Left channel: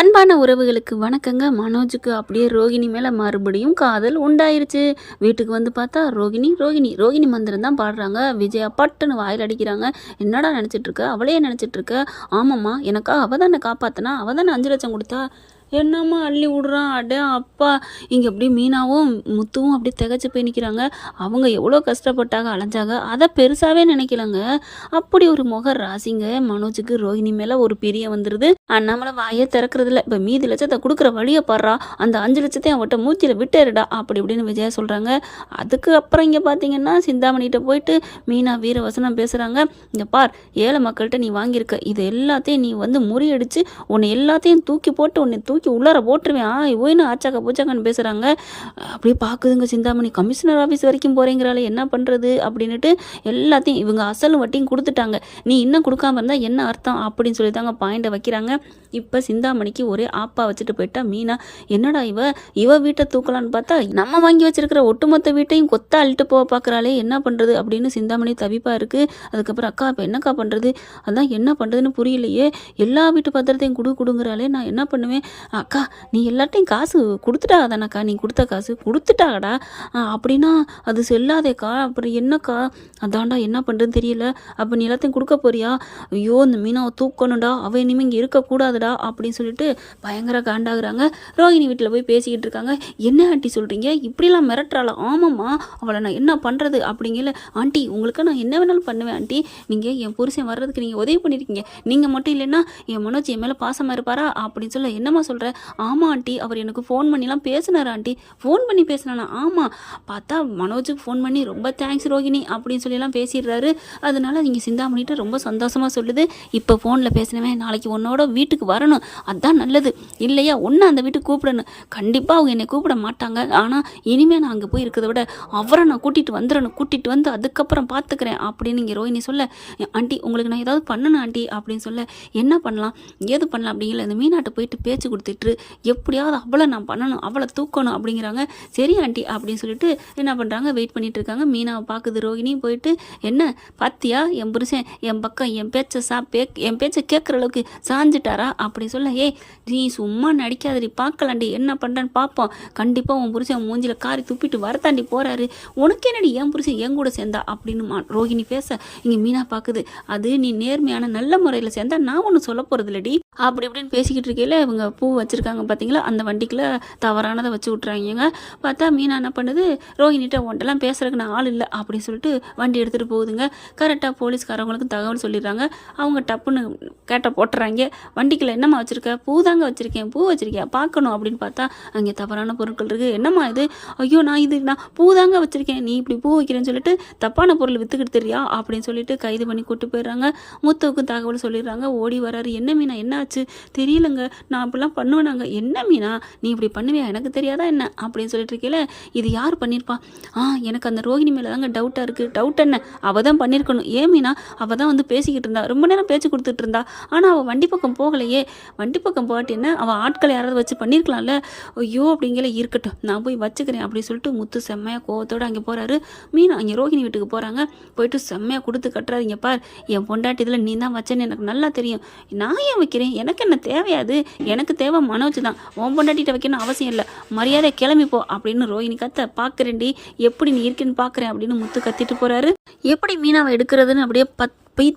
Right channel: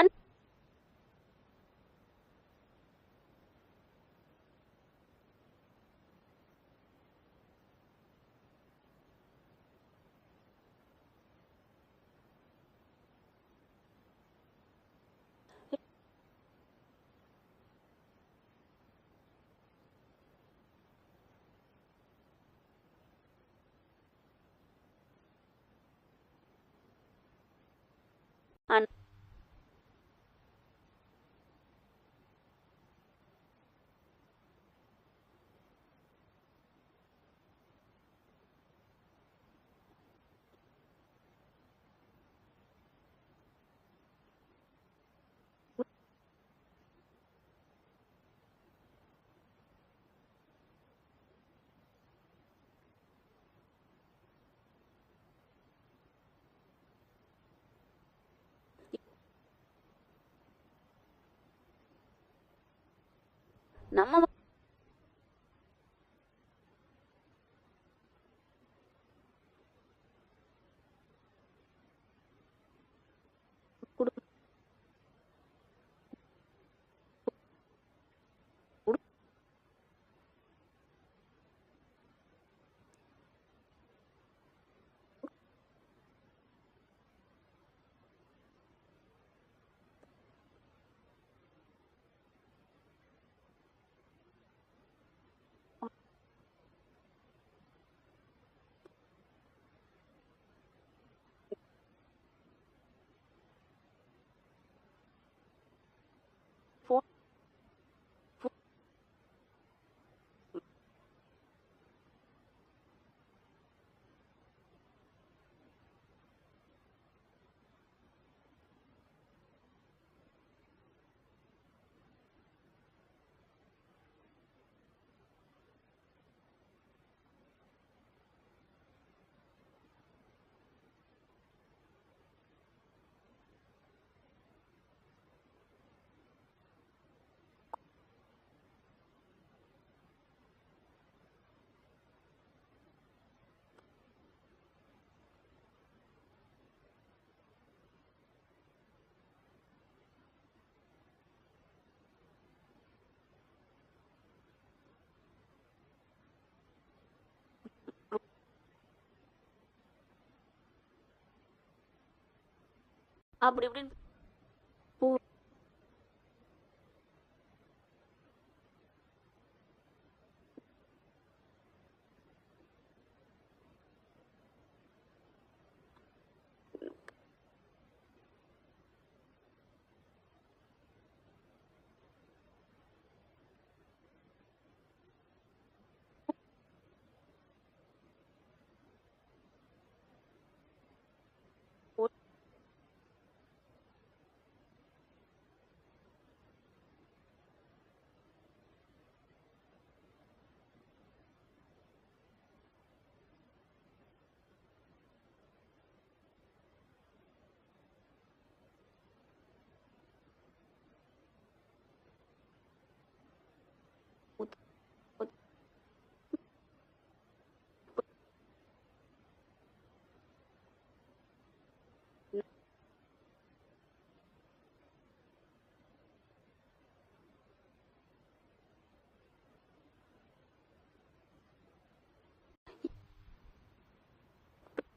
அன்பான உறவுகளுக்கு வணக்கங்க. மனோஜுக்கு அப்படியே ரோகிணி மேலே மறுபடியும் காதல் உண்டாயிருச்சு. வீட்டுக்கு வந்து பார்த்தா ரோகிணி ரோகிணி ரோகிணி மந்திரம் தான் பாடுறாங்க. விஜயா பட்டுன்னு வாயில் அடிக்கிறாங்க. என்னடா நினச்சிட்டு இருக்க? அவளையே நினச்சிட்டு இருக்க? ஆமாம்மா, எனக்கா அவள் தானே காப்பாற்றினா, அவள் தானே 5 லட்சம் கொடுத்தா. என்னம்மா அள்ளி விடுறான் அடே அப்பா. இங்கே அப்படி மீனாவும் முத்துவும் அப்படியே திகச்சு போய் நிற்கிறாங்க. அவங்க எவ்வளோ கஷ்டப்பட்டாங்க, அலைஞ்சாங்க, அதை பெருசாகவே நினைக்கலங்க. அப்படி ஒரு முக ராசிங்க மனோஜுக்கு. ரோஹிணி மேலே ஒரு பிரியம் வந்துடுது. அண்ணாமலை வாயே திறக்கிறதில்ல. இப்போ மீதி லட்சத்தை கொடுக்குற வழியை பாடுறா, அந்த 5 லட்சத்தையும் அவட்ட மூச்சியில் விட்டுருடா அப்படி இப்படின்னு விஜயா சொல்கிறாங்க. அதுக்கு அப்புறம் இங்கே பார்த்தீங்கன்னா சிந்தாமணிகிட்ட போயிட்டு மீனா வீரவசனம் பேசுகிறாங்க. இங்கே பார், ஏழை மக்கள்கிட்ட நீ வாங்கியிருக்க இது எல்லாத்தையும் நீ வந்து முறியடிச்சு உன்னை எல்லாத்தையும் தூக்கி போட்டு உன்னை தூக்கி உள்ளார போட்டுருவேன் ஓய்னு ஆச்சாக்கா பூச்சாக்கான்னு பேசுகிறாங்க. அப்படியே பார்க்குதுங்க சிந்தாமணி. கமிஷனர் ஆஃபீஸ் வரைக்கும் போகிறேங்கிறாளே, என்ன பண்ணுறது அப்படின்னுட்டு எல்லாத்தையும் இவங்க அசலும் வட்டியும் கொடுத்துட்டாங்க, நீ இன்னும் கொடுக்காம இருந்தால் என்ன அர்த்தம் அப்படின்னு சொல்லி தாங்க பாயிண்டை வைக்கிறாங்க. இப்போ சிந்தாமணிக்கு ஒரே ஆப்பா வச்சுட்டு போயிட்டா மீனா. என்னடா இவ வீட்டை தூக்கலான்னு பார்த்தா நம்ம வாங்கி வச்சிருக்கிற ஒட்டுமொத்த வீட்டையும் கொத்தா அள்ளிட்டு போக பார்க்குறாளே, என்ன பண்ணுறது அப்படின்னு சிந்தாமணி தவிப்பாக இருக்குது. அதுக்கப்புறம் அக்கா இப்போ என்னக்கா பண்ணுறது, அதான் என்ன பண்ணுறதுன்னு புரியலையே, எல்லா வீட்டு பத்திரத்தையும் கொடுங்குறாளே, நான் என்ன பண்ணுவேன். அக்கா நீ எல்லாத்தையும் காசு கொடுத்துட்டா தானக்கா, நீ கொடுத்த காசு கொடுத்துட்டாடா. அப்படின்னா அது செல்லாதேக்கா, அப்புறம் என்னக்கா, அதான்டா என்ன பண்ணுறதுன்னு தெரியல. அப்போ நீ எல்லாத்தையும் கொடுக்க போறியா? ஐயோ இந்த மீனாவை தூக்கணும்டா, அவள் இனிமேல் இங்கே இருக்கக்கூடாதுடா அப்படின்னு சொல்லிட்டு பயங்கர காண்டாகிறாங்க. ரோஹிணி வீட்டில் போய் பேசிக்கிட்டு இருக்காங்க. என்ன ஆண்டி சொல்கிறீங்க, இப்படிலாம் மிரட்டுறாளா? ஆமாம்மா, அவளை நான் என்ன பண்ணுறது அப்படிங்கல. ஆண்டி உங்களுக்கு நான் என்ன வேணாலும் பண்ணுவேன் ஆண்டி, நீங்கள் என் புருஷன் வர்றதுக்கு நீங்கள் உதவி பண்ணியிருக்கீங்க, நீங்கள் மட்டும் இல்லைன்னா என் மனோஜ் என் மேலே பாசமாக இருப்பாரா அப்படின்னு சொல்ல. என்னம்மா சொல்கிற? ஆமாம் ஆண்டி, அவர் எனக்கு ஃபோன் பண்ணிலாம் பேசினார் ஆண்டி. ஃபோன் பண்ணி பேசினானா? ஆமாம். பார்த்தா மனோஜுக்கு ஃபோன் பண்ணி ரொம்ப தேங்க்ஸ் ரோஹிணி அப்படின்னு சொல்லிலாம் பேசிடுறாரு. அதனால நீங்கள் சிந்தாமணிட்டு ரொம்ப சந்தோஷமாக சொல்லுது. இப்போ ஃபோனில் பேசினவன் நாளைக்கு உன்னோட வீட்டுக்கு வரணும், அதுதான் நல்லது இல்லையா, ஒன்று அந்த வீட்டுக்கு கூப்பிடணும். கண்டிப்பாக அவங்க என்னை கூப்பிட மாட்டாங்க, ஆனால் இனிமேல் நான் அங்கே போய் இருக்கிறத விட அவரை நான் கூட்டிகிட்டு வந்துடணும், கூட்டிகிட்டு வந்து அதுக்கப்புறம் பார்த்துக்கிறேன் அப்படின்னு இங்கே ரோஹிணி சொல்ல. ஆண்டி உங்களுக்கு நான் ஏதாவது பண்ணணும் ஆண்டி அப்படின்னு சொல்ல. என்ன பண்ணலாம் ஏது பண்ணலாம் அப்படிங்கிற இந்த மீனாட்டை போயிட்டு பேச்சு கொடுத்துட்டு எப்படியாவது அவளை நான் பண்ணணும், அவளை தூக்கணும் அப்படிங்கிறாங்க. சரி ஆண்டி அப்படின்னு சொல்லிட்டு என்ன பண்ணுறாங்க, வெயிட் பண்ணிட்டு இருக்காங்க. மீனாவை பார்க்குது ரோஹிணி. போயிட்டு என்ன பாத்தியா, என் புருஷன் என் பக்கம் என் பேச்சை கேட்குற அளவுக்கு சாஞ்சிட்டாரா அப்படி சொல்ல. ஏய் நீ சும்மா நடிக்காதடி, பார்க்கலாண்டி என்ன பண்ணுறேன்னு பார்ப்போம், கண்டிப்பாக உன் புருஷன் மூஞ்சில் காரி துப்பிட்டு வரத்தாண்டி போகிறாரு, உனக்கு என்னடி என் புருஷன் என் கூட சேர்ந்தா அப்படின்னு ரோஹிணி பேச. இங்கே மீனா பார்க்குது, அது நீ நேர்மையான நல்ல முறையில் சேர்ந்தா நான் ஒன்றும் சொல்ல போகிறது இல்லடி அப்படி இப்படின்னு பேசிக்கிட்டு இருக்கையில் இவங்க பூ வச்சுருக்காங்க பார்த்தீங்களா, அந்த வண்டிக்குள்ளே தவறானதை வச்சு விட்றாங்க. பார்த்தா மீனா என்ன பண்ணுது, ரோஹினிட்ட ஒன்றெல்லாம் பேசுறதுக்கு நான் ஆள் இல்லை அப்படின்னு சொல்லிட்டு வண்டி எடுத்துகிட்டு போகுதுங்க. கரெக்டாக போலீஸ்காரவங்களுக்கு தகவல் சொல்லிடுறாங்க. அவங்க டப்புன்னு கேட்ட போட்டுறாங்க. வண்டிக்குள்ளே என்னம்மா வச்சுருக்க? பூ தாங்க வச்சுருக்கேன். பூ வச்சுருக்கியா பார்க்கணும் அப்படின்னு பார்த்தா அங்கே தவறான பொருட்கள் இருக்குது. என்னம்மா இது? ஐயோ நான் பூ தாங்க வச்சுருக்கேன், நீ இப்படி பூ வைக்கிறேன்னு சொல்லிட்டு தப்பான பொருள் விற்றுக்கிட்டு தெரியா அப்படின்னு சொல்லிட்டு கைது பண்ணி கூட்டு போயிடுறாங்க. முத்துவுக்கு தகவல் சொல்லிடுறாங்க. ஓடி வராரு. என்ன மீனா என்ன ஆச்சு? தெரியலங்க, நான் அப்படிலாம் பண்ணுவேனாங்க. என்ன மீனா நீ இப்படி பண்ணுவியா, எனக்கு தெரியாதா என்ன அப்படின்னு சொல்லிட்டு இருக்கீல. இது யார் பண்ணியிருப்பா? எனக்கு அந்த ரோஹிணி மேலே தாங்க டவுட்டாக இருக்குது. டவுட் என்ன, அவள் தான் பண்ணியிருக்கணும். ஏன் மீனா, அவள் தான் வந்து பேசிக்கிட்டு இருந்தா, ரொம்ப நேரம் பேச்சு கொடுத்துட்டு இருந்தா, ஆனால் அவள் வண்டி பக்கம் போகலையே. வண்டி பக்கம் போகாட்டி என்ன, அவள் ஆட்களை யாராவது வச்சு பண்ணியிருக்கலாம்ல. ஐயோ அப்படிங்கிற இருக்கட்டும் நான் போய் வச்சுக்கிறேன் அப்படின்னு சொல்லிட்டு முத்து செம்மையாக கோவத்தோடு அங்கே போகிறாரு. மீனா அங்கே ரோஹிணி வீட்டுக்கு போகிறாங்க. போயிட்டு செம்மையாக கொடுத்து கட்டுறாரு. இங்கே பார், என் பொண்டாட்டி இதில் நீ தான் வச்சேன்னு எனக்கு நல்லா தெரியும், நான் ஏன் வைக்கிறேன், எனக்கு என்ன தேவையாது, எனக்கு தேவை மனோஜ் தான், உன் பொண்டாட்டிகிட்ட வைக்கணும் அவசியம் இல்லை, மரியாதை கிளம்பிப்போ அப்படின்னு ரோஹிணி கத்த. பார்க்குறேன்டி எப்படி நீ இருக்குன்னு பார்க்குறேன் அப்படின்னு முத்து கத்திட்டு போகிறாரு. எப்படி மீனாவை எடுக்கிறதுன்னு அப்படியே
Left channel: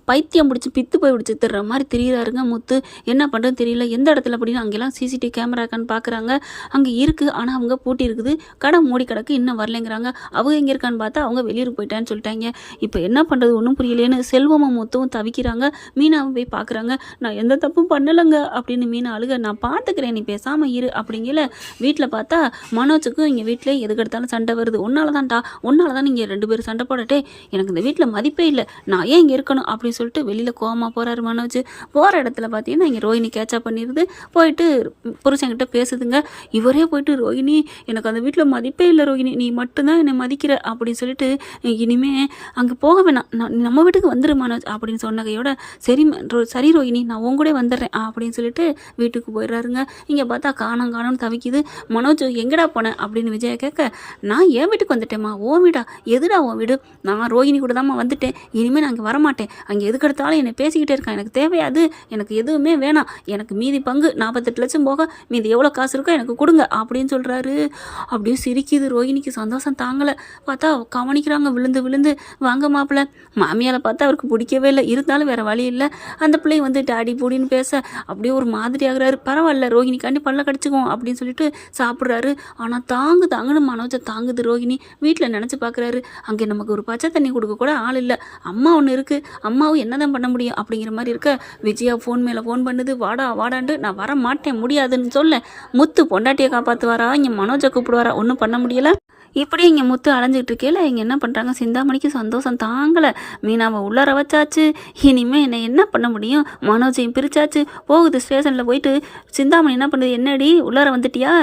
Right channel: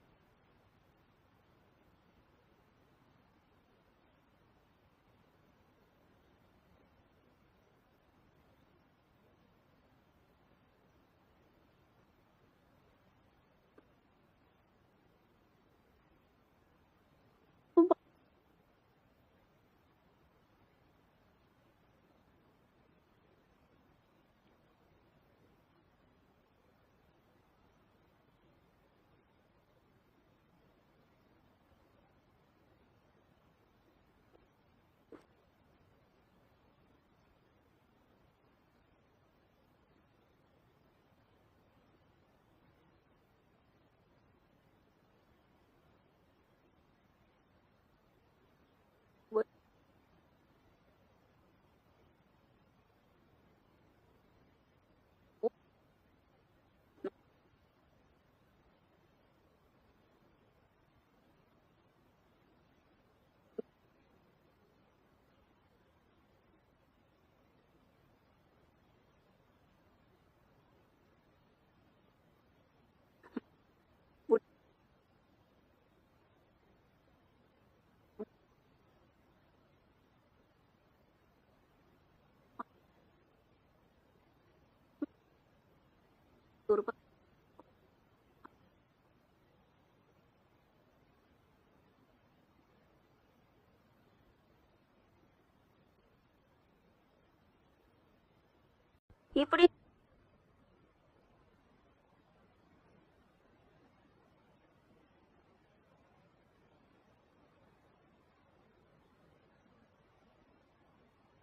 பைத்தியம் பிடிச்சி பித்து போய் பிடிச்சி தர்ற மாதிரி தெரியுறாருங்க முத்து. என்ன பண்ணுறதுன்னு தெரியல. எந்த இடத்துல அப்படின்னு அங்கெல்லாம் சிசிடிவி கேமரா இருக்கான்னு பார்க்குறாங்க. அங்கே இருக்குது, ஆனால் அவங்க பூட்டி இருக்குது. கடை மூடி கிடக்கு, இன்னும் வரலைங்கிறாங்க. அவங்க எங்கே இருக்கான்னு பார்த்தா அவங்க வெளியூர் போயிட்டான்னு சொல்லிட்டாங்க. இப்போ என்ன பண்ணுறது ஒன்றும் புரியலேன்னு செல்வமும் முத்துவும் தவிக்கிறாங்க. மீனாவும் போய் பார்க்குறாங்க. நான் எந்த தப்பும் பண்ணலைங்க அப்படின்னு மீனா அழுக. நான் பார்த்துக்கிறேன், நீ பேசாமல் இரு அப்படிங்கல. வீட்டில் பார்த்தா மனோஜுக்கும் இங்கே வீட்டிலே எதுக்கெடுத்தாலும் சண்டை வருது. உன்னால தான்டா, உன்னால தான் நீங்கள் 2 பேரும் சண்டை போடட்டே, எனக்கு இந்த வீட்டில் மதிப்பே இல்லை, நான் ஏன் இங்கே இருக்கணும் அப்படின்னு சொல்லிட்டு வெளியில் கோவமாக போகிறாரு மனோஜ். போகிற இடத்துல பார்த்தீங்கன்னா இங்கே ரோஹிணி கேட்சப் பண்ணிடுது. போயிட்டு புருஷன்கிட்ட பேசுதுங்க. இவரே போயிட்டு ரோஹிணி எனக்கு அந்த வீட்டில் மதிப்பே இல்லை ரோஹிணி, நீ மட்டும்தான் என்னை மதிக்கிற அப்படின்னு சொல்லிட்டு இனிமே அங்கே போக வேணாம், நம்ம வீட்டுக்கு வந்துரு மனோஜ் அப்படின்னு சொன்னகையோட சரி ரோஹிணி நான் உன் கூட வந்துடுறேன் அப்படின்னு சொல்லிட்டு வீட்டுக்கு போயிடுறாருங்க. இங்கே பார்த்தா காணோம்னு தவிக்குது. மனோஜ் எங்கடா போனேன் அப்படின்னு விஜயா கேட்க, நான் என் வீட்டுக்கு வந்துட்டேம்மா. ஓ வீடா? எதுடா உன் வீடு? நான் ரோஹிணி கூட தான்மா வந்துட்டேன், இனிமேல் நான் அங்கே வரமாட்டேன், அங்கே எதுக்கு எடுத்தாலும் என்னை பேசிக்கிட்டே இருக்கான், எனக்கு தேவையாது, எனக்கு எதுவுமே வேணாம், எனக்கு மீதி பங்கு 48 லட்சம் போக மீதி எவ்வளோ காசு இருக்கோ எனக்கு கொடுங்க அப்படின்னு சொல்கிறாரு. அப்படியே சிரிக்குது ரோஹிணிக்கு, சந்தோஷம் தாங்கலை. பார்த்தா கவனிக்கிறாங்க விழுந்து விழுந்து. வாங்க மாப்பிள்ள. மாமியாரை பார்த்தா அவருக்கு பிடிக்கவே இல்லை, இருந்தாலும் வேறு வழி இல்லை. அந்த பிள்ளை வந்து டாடி பூடின்னு பேச அப்படியே ஒரு மாதிரி ஆகுறாரு. பரவாயில்ல ரோஹிணிக்காண்டி பல்ல கடிச்சுக்குவோம் அப்படின்னு சொல்லிட்டு சாப்பிட்றாரு. ஆனால் தாங்குன்னு மனோஜை தாங்குது ரோஹிணி. வீட்டில் நினச்சி பார்க்குறாரு, அங்கே நமக்கு ஒரு பச்சை தண்ணி கொடுக்க கூட ஆள் இல்லை, அம்மா ஒன்று இருக்குது, அம்மாவும் என்ன தான் பண்ண முடியும் அப்படிங்கிற மாதிரி இருக்க. விஜயா ஃபோன் மேலே ஃபோன் பண்ணுது, வாடா வாடான்ட்டு. நான் வர மாட்டேன், முடியாதுன்னு சொல்ல. முத்து பொண்டாட்டியை காப்பாற்றுவாரா, இங்கே மனோஜை கூப்பிடுவாரா, ஒன்றும் பண்ண முடியலை. இப்படி இங்கே முத்து அலைஞ்சிட்டு இருக்கேல இங்கே என்ன பண்ணுறாங்க, சிந்தாமணிக்கு சந்தோஷம் தாங்கலை. மீனாவை உள்ளார வச்சாச்சு, இனிமேல் என்னை என்ன பண்ண முடியும், மனோஜையும் பிரிச்சாச்சு. போகுது ஸ்டேஷனில் போயிட்டு சிந்தாமணி என்ன பண்ணுது, என்னடி உள்ளார வந்துட்டியா,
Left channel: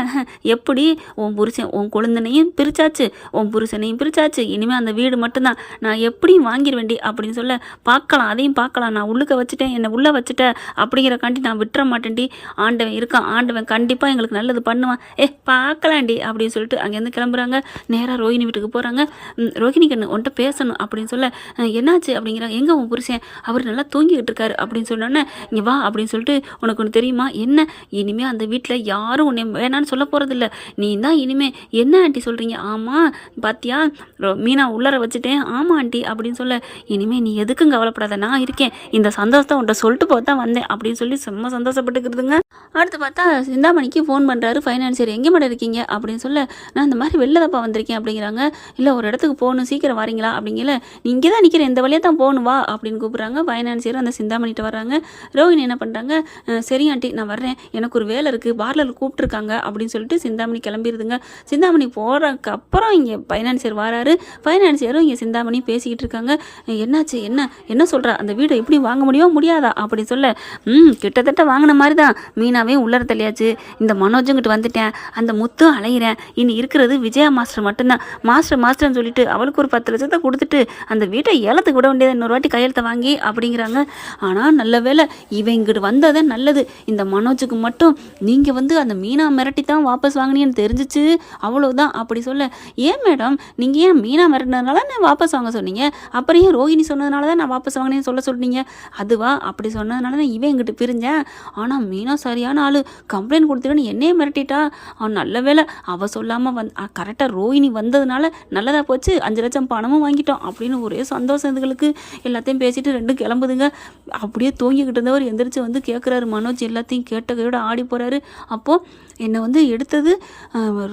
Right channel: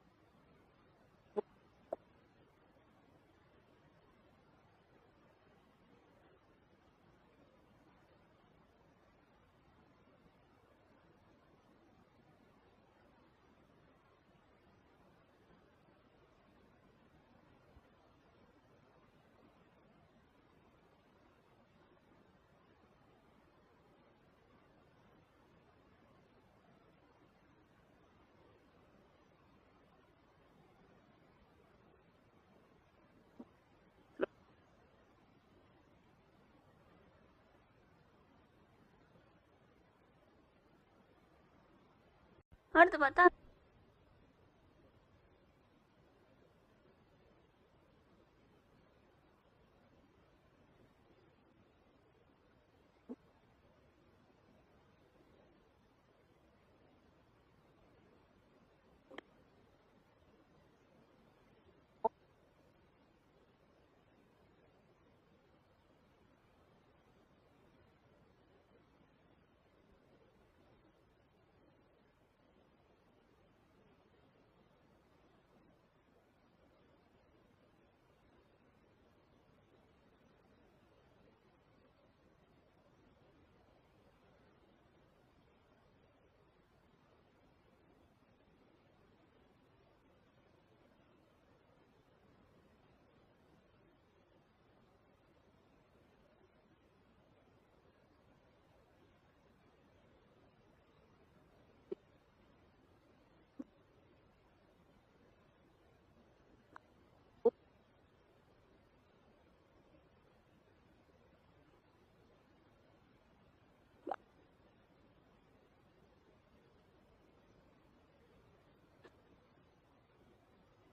எப்படி உன் புருஷன் உன் கொழுந்தனையும் பிரிச்சாச்சு, உன் புருஷனையும் பிரிச்சாச்சு, இனிமேல் அந்த வீடு மட்டும்தான் நான் எப்படியும் வாங்கிடுவேண்டி அப்படின்னு சொல்ல. பார்க்கலாம் அதையும் பார்க்கலாம், நான் உள்ளுக்க வச்சுட்டேன், என்னை உள்ளே வச்சுட்டேன் அப்படிங்கிறக்காண்டி நான் விட்டுற மாட்டேன்டி, ஆண்டவன் இருக்கான், ஆண்டவன் கண்டிப்பாக எங்களுக்கு நல்லது பண்ணுவான், பார்க்கலாண்டி அப்படின்னு சொல்லிட்டு அங்கேருந்து கிளம்புறாங்க. நேராக ரோஹிணி வீட்டுக்கு போகிறாங்க. ரோஹிணி கண்ணு உன்ட்ட பேசணும் அப்படின்னு சொல்ல. என்னாச்சு அப்படிங்கிறாங்க. எங்கே உன் புருஷன், அவர் நல்லா தூங்கிக்கிட்டு இருக்காரு அப்படின்னு சொன்னோன்னே, இங்கே வா அப்படின்னு சொல்லிட்டு, உனக்கு ஒன்று தெரியுமா, என்ன இனிமேல் அந்த வீட்டில் யாரும் உன்னை வேணான்னு சொல்ல போகிறதில்ல, நீ தான் இனிமேல். என்ன ஆண்டி சொல்கிறீங்க, ஆமாம் பாத்தியா மீனா உள்ளார வச்சுட்டேன், ஆமாம் ஆண்டி அப்படின்னு சொல்ல. இனிமேல் நீ எதுக்கும் கவலைப்படாத, நான் இருக்கேன், இந்த சந்தோஷத்தை உன்ட்ட சொல்லிட்டு போக தான் வந்தேன் அப்படின்னு சொல்லி செம்ம சந்தோஷப்பட்டுக்கிறதுங்க. அடுத்து பார்த்தா சிந்தாமணிக்கு ஃபோன் பண்ணுறாரு ஃபைனான்சியர், எங்கே மேடம் இருக்கீங்க அப்படின்னு சொல்ல. நான் இந்த மாதிரி வெளில தப்பா வந்திருக்கேன் அப்படிங்கிறாங்க. இல்லை ஒரு இடத்துக்கு போகணும், சீக்கிரம் வரீங்களா அப்படிங்கல. நீ இங்கே தான் நிற்கிறேன், இந்த வழியாக தான் போகணும் வா அப்படின்னு கூப்பிட்றாங்க. ஃபைனான்சியர் அந்த சிந்தாமணிகிட்ட வர்றாங்க. ரோஹிணி என்ன பண்ணுறாங்க, சரி ஆண்டி நான் வர்றேன், எனக்கு ஒரு வேலை இருக்குது, பார்லர் கூப்பிட்ருக்காங்க அப்படின்னு சொல்லிட்டு சிந்தாமணி கிளம்பிடுதுங்க. சிந்தாமணி போகிறதுக்கு அப்புறம் இங்கே ஃபைனான்சியர் வராரு. ஃபைனான்சியரும் இங்கே சிந்தாமணி பேசிக்கிட்டு இருக்காங்க. என்னாச்சு, என்ன சொல்கிறா, அந்த வீடை எப்படி வாங்க முடியுமா முடியாதா அப்படின்னு சொல்ல. கிட்டத்தட்ட வாங்கின மாதிரி தான், மீனாவே உள்ளர தள்ளியாச்சு, இந்த மனோஜுங்கிட்ட வந்துட்டேன், அந்த முத்தும் அலையிறேன், இனி இருக்கிறது விஜயா மாஸ்டர் மட்டும்தான். மாஸ்டர்னு சொல்லிட்டு அவளுக்கு ஒரு 10 லட்சத்தை கொடுத்துட்டு அந்த வீட்டை ஏலத்துக்கு விட வேண்டியது, இன்னொரு வாட்டி கையெழுத்தை வாங்கி அப்படிங்கிறாங்க. ஆனால் நல்ல வேலை இவன் இங்கிட்டு வந்ததே நல்லது, இந்த மனோஜுக்கு மட்டும் நீங்கள் வந்து அந்த மீனா மிரட்டி தான் வாபஸ் வாங்கினீன்னு தெரிஞ்சிச்சு, அவ்வளோதான் அப்படி சொல்ல. ஏன் மேடம் நீங்கள் ஏன் மீனா மிரட்டினதுனால நான் வாபஸ் வாங்க சொன்னீங்க, அப்புறம் ஏன் ரோஹிணி சொன்னதுனால தான் நான் வாபஸ் வாங்கினேன்னு சொல்ல சொன்னீங்க, அதுவா அப்படி சொன்னதுனால தான் இவன் எங்கிட்ட பிரிஞ்சேன். ஆனால் மீனா சரியான ஆள், கம்ப்ளைண்ட் கொடுத்துருன்னு என்னையே மிரட்டிட்டா, நல்ல வேலை அவள் சொல்லாமல் கரெக்டாக ரோஹிணி வந்ததுனால நல்லதாக போச்சு, 5 லட்சம் பணமும் வாங்கிட்டோம் அப்படின்னு ஒரே சந்தோஷம் இதுகளுக்கு. எல்லாத்தையும் பேசிட்டு ரெண்டும் கிளம்புதுங்க. அப்படியே தூங்கிக்கிட்டு இருந்தவர் எந்திரிச்சு வந்து கேட்குறாரு. மனோஜ் எல்லாத்தையும் கேட்ட கையோட ஆடி போகிறாரு. அப்போது என்னை வந்து எடுத்தது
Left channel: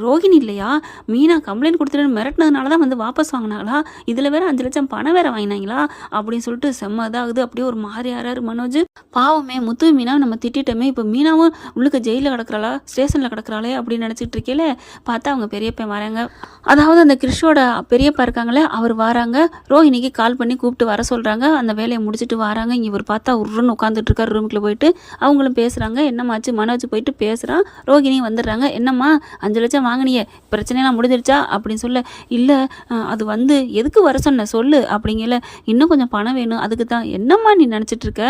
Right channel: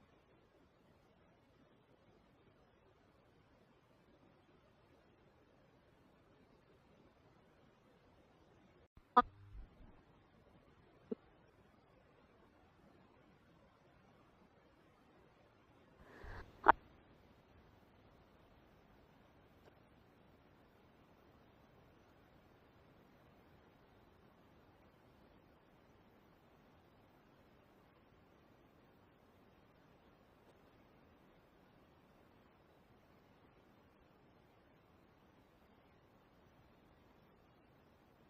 ரோஹிணி இல்லையா, மீனா கம்ப்ளைண்ட் கொடுத்துட்டு மிரட்டினதுனால தான் வந்து வாபஸ் வாங்கினாங்களா, இதில் வேறு 5 லட்சம் பணம் வேறு வாங்கினாங்களா அப்படின்னு சொல்லிட்டு செம்ம இதாகுது. அப்படியே ஒரு மாதிரி ஆறாரு மனோஜ். பாவமே முத்து மீனாவை நம்ம திட்டமே, இப்போ மீனாவும் உள்ளுக்கு ஜெயிலில் கிடக்குறாளா ஸ்டேஷனில் கிடக்குறாளே அப்படின்னு நினச்சிட்டு இருக்கேல. பார்த்தா அவங்க பெரியப்பன் வராங்க, அதாவது அந்த கிறிஷோட பெரியப்பா இருக்காங்களே அவர் வராங்க. ரோஹிணிக்கு கால் பண்ணி கூப்பிட்டு வர சொல்கிறாங்க. அந்த வேலையை முடிச்சுட்டு வராங்க. இவர் பார்த்தா உருன்னு உட்காந்துட்டு இருக்காரு ரூமுக்குள்ளே போயிட்டு. அவங்களும் பேசுகிறாங்க. என்னமாச்சு மனோஜ் போயிட்டு பேசுகிறான். ரோஹிணி வந்துடுறாங்க. என்னம்மா 5 லட்சம் வாங்கினியே, பிரச்சனைலாம் முடிஞ்சிருச்சா அப்படின்னு சொல்ல. இல்லை அது வந்து எதுக்கு வர சொன்ன சொல்லு அப்படிங்கல. இன்னும் கொஞ்சம் பணம் வேணும் அதுக்கு தான். என்னம்மா நீ நினச்சிட்டு இருக்க,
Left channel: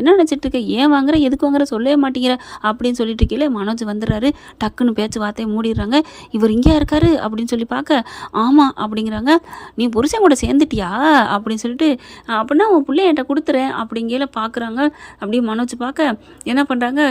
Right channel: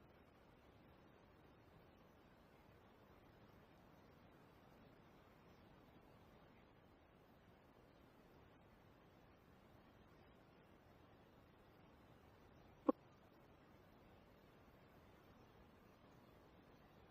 என்ன நினச்சிட்டு இருக்க, ஏன் வாங்குற எதுக்கு வாங்குற சொல்லவே மாட்டேங்கிற அப்படின்னு சொல்லிட்டு இருக்கீங்களே. மனோஜ் வந்துடுறாரு. டக்குன்னு பேச்சு வார்த்தையை மூடிடுறாங்க. இவர் இங்கே இருக்காரு அப்படின்னு சொல்லி பார்க்க, ஆமாம் அப்படிங்கிறாங்க. நீ புருஷன் கூட சேர்ந்துட்டியா அப்படின்னு சொல்லிட்டு, அப்படின்னா உன் பிள்ளைய என்கிட்ட கொடுத்துறேன் அப்படிங்கல பார்க்குறாங்க. அப்படியே மனோஜ் பார்க்க என்ன பண்ணுறாங்க,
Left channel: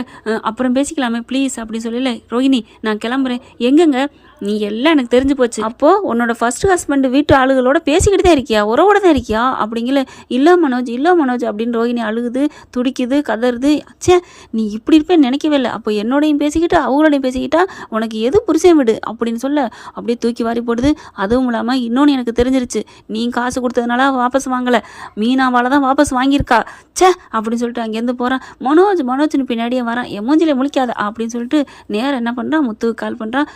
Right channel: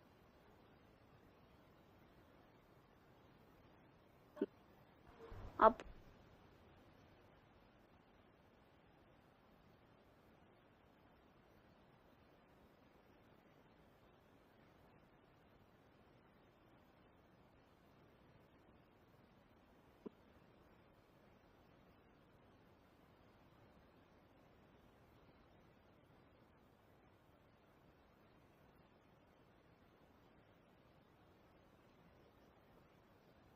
அப்புறம் பேசிக்கலாமே ப்ளீஸ் அப்படின்னு சொல்லல. ரோஹிணி நான் கிளம்புறேன். எங்கங்க, நீ எல்லாம் எனக்கு தெரிஞ்சு போச்சு. அப்போது உன்னோட ஃபர்ஸ்ட் ஹஸ்பண்ட் வீட்டு ஆளுகளோட பேசிக்கிட்டு தான் இருக்கியா, உறவோட தான் இருக்கியா அப்படிங்கல. இல்லை மனோஜ் அப்படின்னு ரோஹிணி அழுகுது, துடிக்குது, கதறுது. சே நீ இப்படி இருப்பேன்னு நினைக்கவே இல்லை. அப்போ என்னோடையும் பேசிக்கிட்டு அவங்களோடையும் பேசிக்கிட்டா உனக்கு எது புருஷன் விடு அப்படின்னு சொல்ல. அப்படியே தூக்கி வாரி போடுது. அதுவும் இல்லாமல் இன்னொன்று எனக்கு தெரிஞ்சிருச்சு, நீ காசு கொடுத்ததுனால வாபஸ் வாங்கலை, மீனாவால் தான் வாபஸ் வாங்கியிருக்கா. சே அப்படின்னு சொல்லிட்டு அங்கேருந்து போகிறான். மனோஜ்னு பின்னாடியே வரான். எமோஞ்சிலே முழிக்காத அப்படின்னு சொல்லிட்டு நேரம் என்ன பண்ணுறான், முத்துவுக்கு கால் பண்ணுறான்.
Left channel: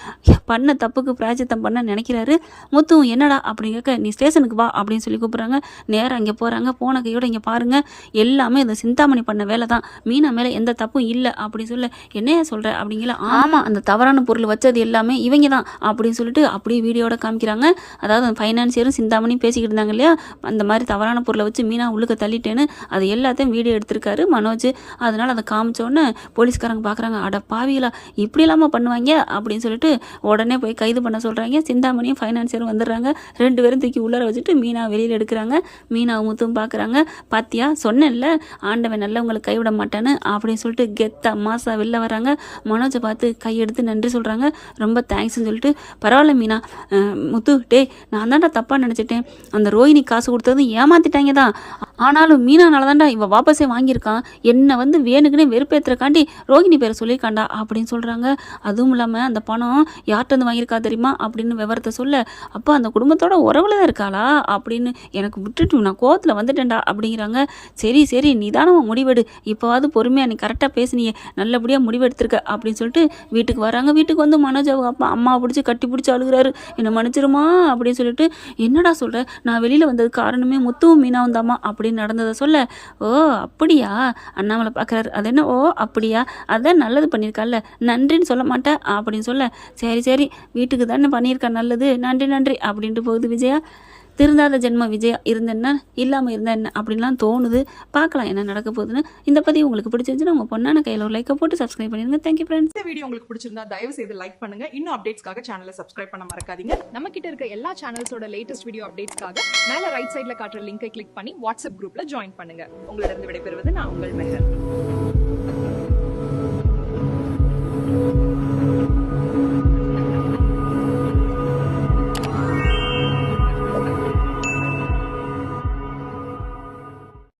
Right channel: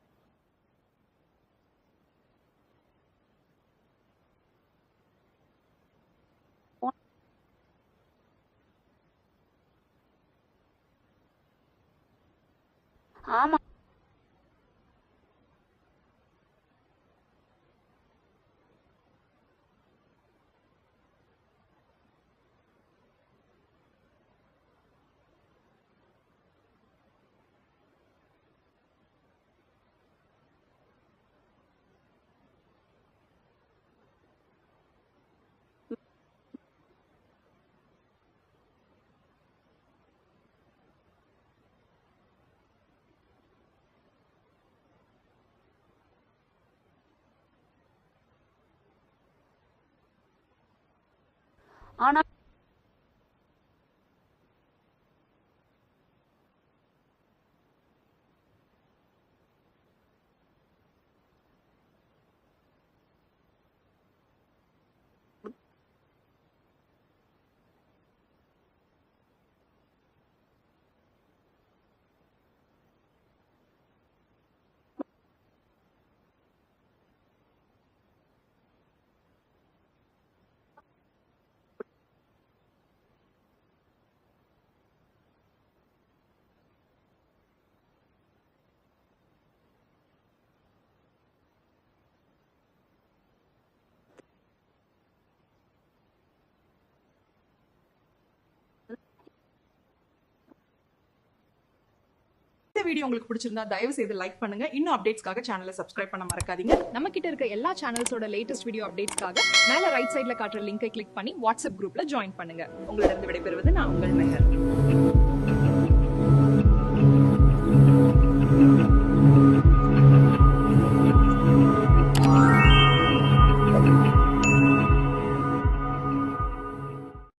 பண்ண தப்புக்கு பிராயச்சித்தம் பண்ண நினைக்கிறாரு. முத்துவும் என்னடா அப்படின்னு கேட்க, நீ ஸ்டேஷனுக்கு வா அப்படின்னு சொல்லி கூப்பிட்றாங்க. நேரம் அங்கே போகிறாங்க. போன கையோட இங்கே பாருங்கள், எல்லாமே இந்த சிந்தாமணி பண்ண வேலை தான், மீனா மேலே எந்த தப்பும் இல்லை அப்படின்னு சொல்ல. என்னையா சொல்கிற அப்படிங்கல. ஆமாம் அந்த தவறான பொருள் வச்சது எல்லாமே இவங்க தான் அப்படின்னு சொல்லிட்டு அப்படியே வீடியோட காமிக்கிறாங்க. அதாவது ஃபைனான்சியரும் சிந்தாமணியும் பேசிக்கிட்டு இருந்தாங்க இல்லையா, அந்த மாதிரி தவறான பொருளை வச்சு மீனா உள்ளுக்க தள்ளிட்டேன்னு அது எல்லாத்தையும் வீடியோ எடுத்திருக்காரு மனோஜ். அதனால் அதை காமிச்சோன்னே போலீஸ்காரங்க பார்க்குறாங்க. அட பாவிகளா இப்படி இல்லாமல் பண்ணுவாங்க அப்படின்னு சொல்லிட்டு உடனே போய் கைது பண்ண சொல்கிறாங்க. சிந்தாமணியும் ஃபைனான்சியரும் வந்துடுறாங்க. 2 பேரும் தூக்கி உள்ளார வச்சுட்டு மீனா வெளியில் எடுக்கிறாங்க. மீனாவும் முத்தும் பார்க்குறாங்க. பாத்தியா சொன்னேன்ல ஆண்டவன் நல்லவங்களை கைவிட மாட்டான்னு அப்படின்னு சொல்லிட்டு கெத்தா மாசா வெளில வராங்க. மனோஜை பார்த்து கையெடுத்து நன்றி சொல்கிறாங்க. ரொம்ப தேங்க்ஸ்ன்னு சொல்லிட்டு பரவாயில்ல மீனா முத்து டே நான் தான்டா தப்பாக நினச்சிட்டேன். அந்த ரோஹிணி காசு கொடுத்ததும் ஏமாத்திட்டாங்க தான். ஆனாலும் மீனானால தான்டா இவன் வாபஸே வாங்கியிருக்கான். என்னை வந்து வேணுக்குன்னே வெறுப்பேற்றுறக்காண்டி ரோஹிணி பேரை சொல்லியிருக்காண்டா அப்படின்னு சொல்கிறாங்க. அதுவும் இல்லாமல் அந்த பணம் யார்கிட்ட வாங்கியிருக்கா தெரியுமா அப்படின்னு விவரத்தை சொல்ல, அப்போ அந்த குடும்பத்தோட உறவுல தான் இருக்காளா அப்படின்னு எனக்கு விட்டுட்டு நான் கோவத்தில் வந்துட்டேன்டா அப்படிங்கிறாங்க. சரி சரி நிதானமாக முடிவெடு, இப்போவாது பொறுமையாக நீ கரெக்டாக பேசுனியே, நல்லபடியாக முடிவெடுத்திருக்க அப்படின்னு சொல்லிட்டு வீட்டுக்கு வராங்க. வீட்டுக்கு வந்து மனோஜ் அவங்க அப்பா அம்மா பிடிச்சி கட்டி பிடிச்சி அழுகிறாரு. என்னை மன்னிச்சிருமா அப்படின்னு சொல்லிட்டு, என்னடா சொல்கிற, நான் வெளியில் வந்தது காரணமே முத்துவும் மீனா வந்தாமா அப்படின்னு நடந்ததை சொல்ல, ஓ அப்படியா அண்ணாமலை பார்க்குறாரு. அது என்ன ஓ அப்படியா, அதான் நல்லது பண்ணியிருக்கால நன்றின்னு சொல்ல மாட்டேன் அப்படின்னு சொல்ல, சரி சரி வீட்டுக்கு தானே பண்ணியிருக்கா நல்லது நன்றி நன்றி அப்படின்ட்டு போகுது விஜயா. திருந்தாத ஜென்ம விஜயா இருந்தேன்னா இல்லாமல் இருந்தா என்ன அப்படின்லாம் தோணுது. பார்க்கலாம் என்ன நடக்க போகுதுன்னு. இந்த பதிவு உங்களுக்கு பிடிச்சிருந்துச்சுன்னா உங்கள் பொண்ணான கையில் ஒரு லைக்கை போட்டு சப்ஸ்கிரைப் பண்ணிடுங்க. Thank you friends. இந்த வீடியோ உங்களுக்கு பிடிச்சிருந்தா தயவு செய்து லைக் பண்ணுங்க. இன்னும் அப்டேட்ஸ்க்காக சேனலை சப்ஸ்கிரைப் பண்ண மறக்காதீங்க. நம்ம கிட்ட இருக்க எல்லா சேனல்ஸோட லேட்டஸ்ட் வீடியோ அப்டேட்ஸ்க்காக மேல ரைட் சைடுல காட்டுற லிங்கை கிளிக் பண்ணி வாட்ஸ்அப் குரூப்ல ஜாயின் பண்ணுங்க. உங்களிடம் விடைபெறுவது நான் உங்கள் மெஹர்.